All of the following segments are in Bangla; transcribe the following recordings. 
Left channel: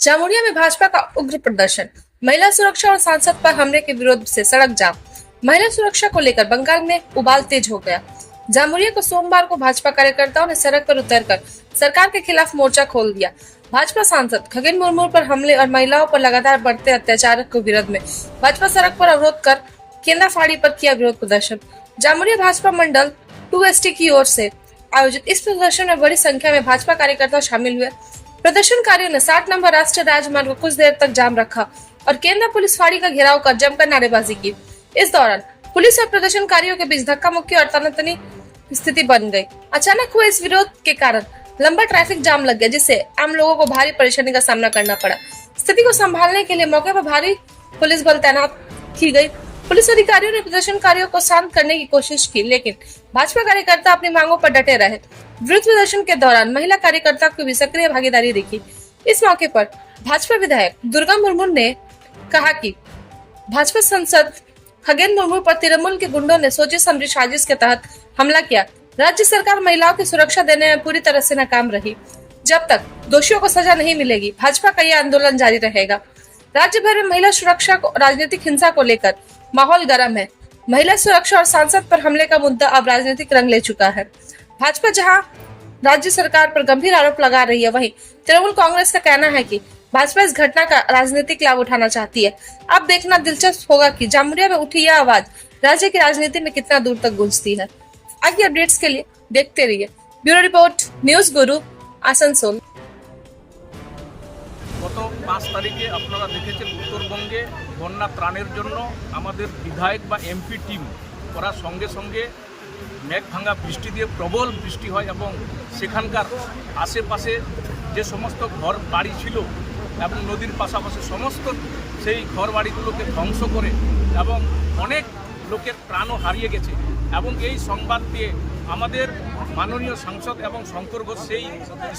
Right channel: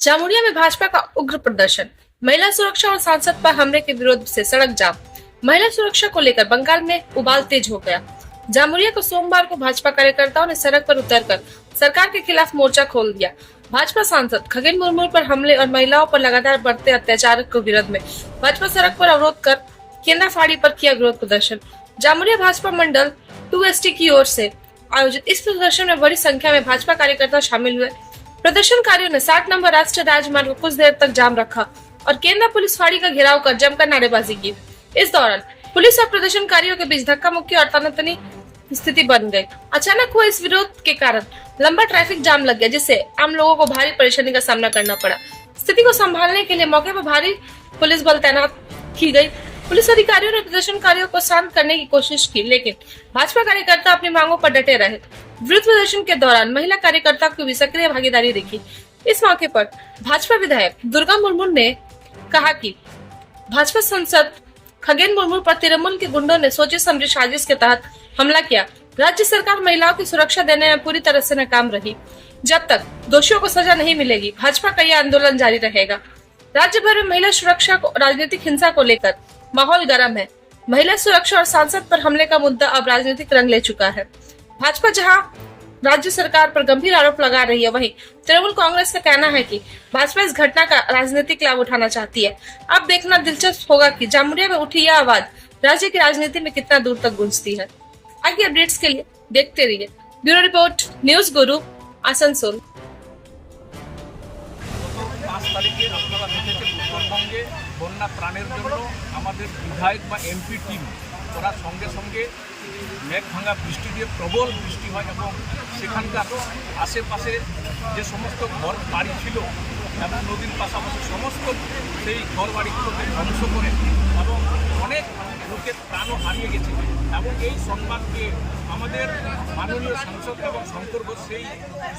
जामुरिया में भाजपा का उग्र प्रदर्शन। महिला सुरक्षा और सांसद पर हमले के विरोध से सड़क जाम। महिला सुरक्षा को लेकर बंगाल में उबाल तेज हो गया। जामुरिया को सोमवार को भाजपा कार्यकर्ताओं ने सड़क पर उतरकर सरकार के खिलाफ मोर्चा खोल दिया। भाजपा सांसद खगेन मुर्मू पर हमले और महिलाओं पर लगातार बढ़ते अत्याचार के विरोध में भाजपा सड़क पर अवरोध कर केंद्र फाड़ी पर किया विरोध प्रदर्शन। जामुरिया भाजपा मंडल 2ST की ओर से आयोजित इस प्रदर्शन में बड़ी संख्या में भाजपा कार्यकर्ता शामिल हुए। प्रदर्शनकारियों ने 60 नंबर राष्ट्रीय राजमार्ग को कुछ देर तक जाम रखा और केंद्र पुलिस फाड़ी का घेराव कर जमकर नारेबाजी की। इस दौरान पुलिस और प्रदर्शनकारियों के बीच धक्का मुक्की और तनातनी स्थिति बन गई। अचानक हुए इस विरोध के कारण लंबा ट्रैफिक जाम लग गया, जिससे आम लोगों को भारी परेशानी का सामना करना पड़ा। स्थिति को संभालने के लिए मौके पर भारी पुलिस बल तैनात की गई। पुलिस अधिकारियों ने प्रदर्शनकारियों को शांत करने की कोशिश की, लेकिन भाजपा कार्यकर्ता अपनी मांगों पर डटे रहे। विरोध प्रदर्शन के दौरान महिला कार्यकर्ता की भी सक्रिय भागीदारी दिखी। इस मौके पर भाजपा विधायक दुर्गा मुर्मू ने कहा कि भाजपा सांसद खगेन मुर्मू पर तृणमूल के गुंडों ने सोची समझी साजिश के तहत हमला किया। राज्य सरकार महिलाओं की सुरक्षा देने में पूरी तरह से नाकाम रही। जब तक दोषियों को सजा नहीं मिलेगी, भाजपा का यह आंदोलन जारी रहेगा। राज्य भर में महिला सुरक्षा को राजनीतिक हिंसा को लेकर माहौल गर्म है। महिला सुरक्षा और सांसद पर हमले का मुद्दा अब राजनीतिक रंग ले चुका है। भाजपा जहां राज्य सरकार पर गंभीर आरोप लगा रही है, वहीं तृणमूल कांग्रेस का कहना है कि भाजपा इस घटना का राजनीतिक लाभ उठाना चाहती है। अब देखना दिलचस्प होगा कि जामुरिया में उठी यह आवाज राज्य की राजनीति में कितना दूर तक गूंजती है। आगे अपडेट्स के लिए देखते रहिए। ब्यूरो रिपोर्ट, न्यूज गुरु, आसनसोल। গত 5 তারিখে আপনারা দেখেছেন উত্তরবঙ্গে বন্যা ত্রাণের জন্য আমাদের বিধায়ক বা এমপি টিম ওরা সঙ্গে সঙ্গে মেঘ ভাঙা বৃষ্টি দিয়ে প্রবল বৃষ্টি হয় এবং সেখানকার আশেপাশে যে সমস্ত ঘর বাড়ি ছিল এবং নদীর পাশাপাশি সমস্ত সেই ঘর বাড়িগুলোকে ধ্বংস করে এবং অনেক লোকের প্রাণও হারিয়ে গেছে। এবং এই সংবাদ পেয়ে আমাদের মাননীয় সাংসদ এবং শঙ্কর ঘোষ সেই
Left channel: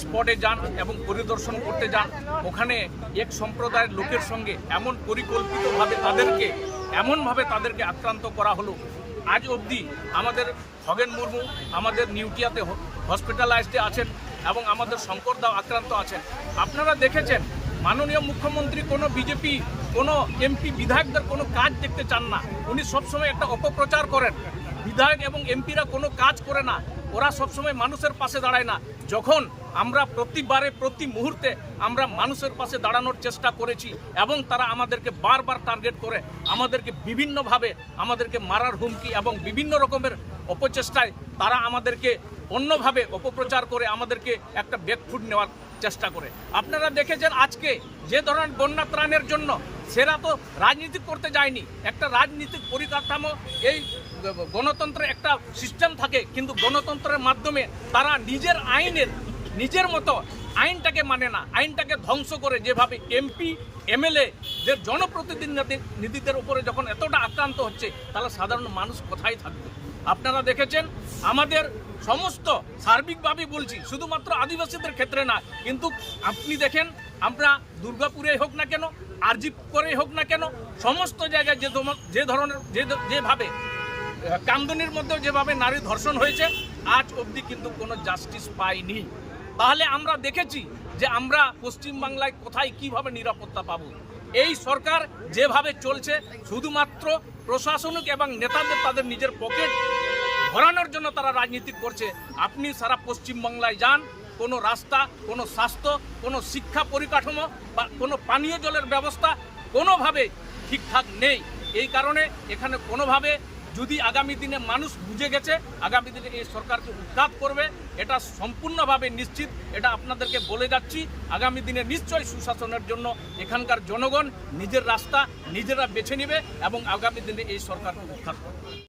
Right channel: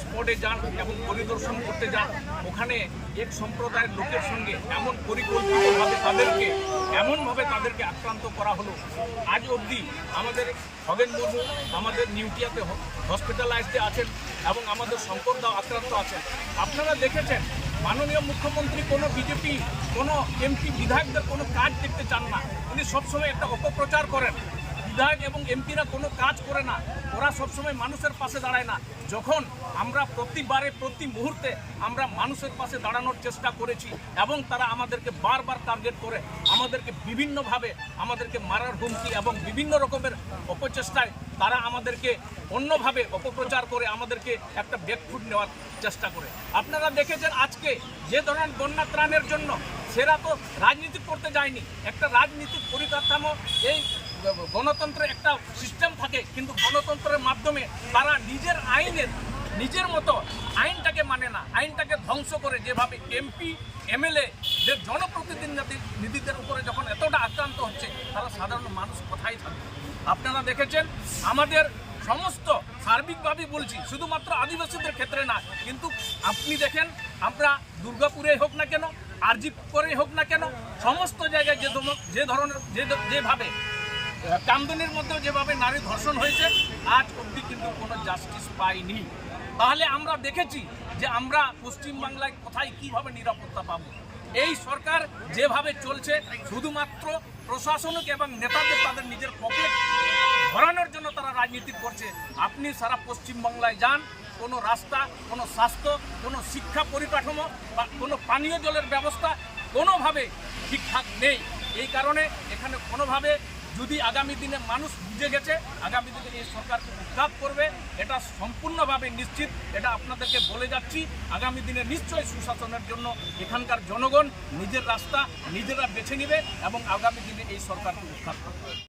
স্পটে যান এবং পরিদর্শন করতে যান। ওখানে এক সম্প্রদায়ের লোকের সঙ্গে এমন পরিকল্পিতভাবে তাদেরকে আক্রান্ত করা হলো। আজ অবধি আমাদের খগেন মুর্মু আমাদের নিউটিয়াতে হসপিটালাইজডে আছেন এবং আমাদের শঙ্করদাও আক্রান্ত আছেন। আপনারা দেখেছেন মাননীয় মুখ্যমন্ত্রী কোনো বিজেপি কোনো এমপি বিধায়কদের কোনো কাজ দেখতে চান না। উনি সবসময় একটা অপপ্রচার করেন। বিধায়ক এবং এমপিরা কোনো কাজ করে না, ওরা সবসময় মানুষের পাশে দাঁড়ায় না। যখন আমরা প্রতি মুহূর্তে আমরা মানুষের পাশে দাঁড়ানোর চেষ্টা করেছি এবং তারা আমাদেরকে বারবার টার্গেট করে আমাদেরকে বিভিন্নভাবে আমাদেরকে মারার হুমকি এবং বিভিন্ন রকমের অপচেষ্টায় তারা আমাদেরকে অন্যভাবে অপপ্রচার করে আমাদেরকে একটা ব্যাকফুট নেওয়ার চেষ্টা করে। আপনারা দেখেছেন আজকে যে ধরনের বন্যা ত্রাণের জন্য সেরা তো রাজনীতি করতে যায়নি। একটা রাজনীতিক পরিকাঠামো এই গণতন্ত্রের একটা সিস্টেম থাকে, কিন্তু গণতন্ত্রের মাধ্যমে তারা নিজের মতো আইনটাকে মানে না, আইনটাকে ধ্বংস করে যেভাবে এমপি এমএলএ যে জনপ্রতিনিধিদের উপরে যখন এতটা আক্রান্ত হচ্ছে, তাহলে সাধারণ মানুষ কোথায় থাকবে? আপনারা দেখেছেন আমাদের সমস্ত সার্বিকভাবে বলছি, শুধুমাত্র আদিবাসীদের ক্ষেত্রে না, কিন্তু আপনি দেখেন আমরা দুর্গাপুরে হোক না কেন, আরজি করে হোক না কেন, সমস্ত জায়গায় যেভাবে কামদুনির মধ্যে যেভাবে নারী ধর্ষণ হয়েছে, আজ অবধি কিন্তু কোনো জাস্টিস পাইনি। তাহলে আমরা দেখেছি যে আমরা পশ্চিমবাংলায় কোথায় কিভাবে নিরাপত্তা পাবো। এই সরকার যেভাবে চলছে শুধুমাত্র প্রশাসনিক এবং নেতাদের তাদের নিজের পকেট ভরানোর জন্য তারা রাজনীতি করছে। আপনি সারা পশ্চিমবাংলায় যান, কোনো রাস্তা, কোনো স্বাস্থ্য, কোনো শিক্ষা পরিকাঠামো বা কোনো পানীয় জলের ব্যবস্থা কোনোভাবে ঠিকঠাক নেই। এই কারণে এখানে কোনোভাবে যদি আগামী দিনে মানুষ বুঝে গেছে আগামী দিনে এই সরকারকে উৎখাত করবে, এটা সম্পূর্ণভাবে নিশ্চিত। এটা আপনাদেরকে বলে যাচ্ছি, আগামী দিনে নিশ্চয়ই সুশাসনের জন্য এখানকার জনগণ নিজের রাস্তা নিজেরা বেছে নেবে এবং আগামী দিনে এই সরকারকে উৎখাত করবে।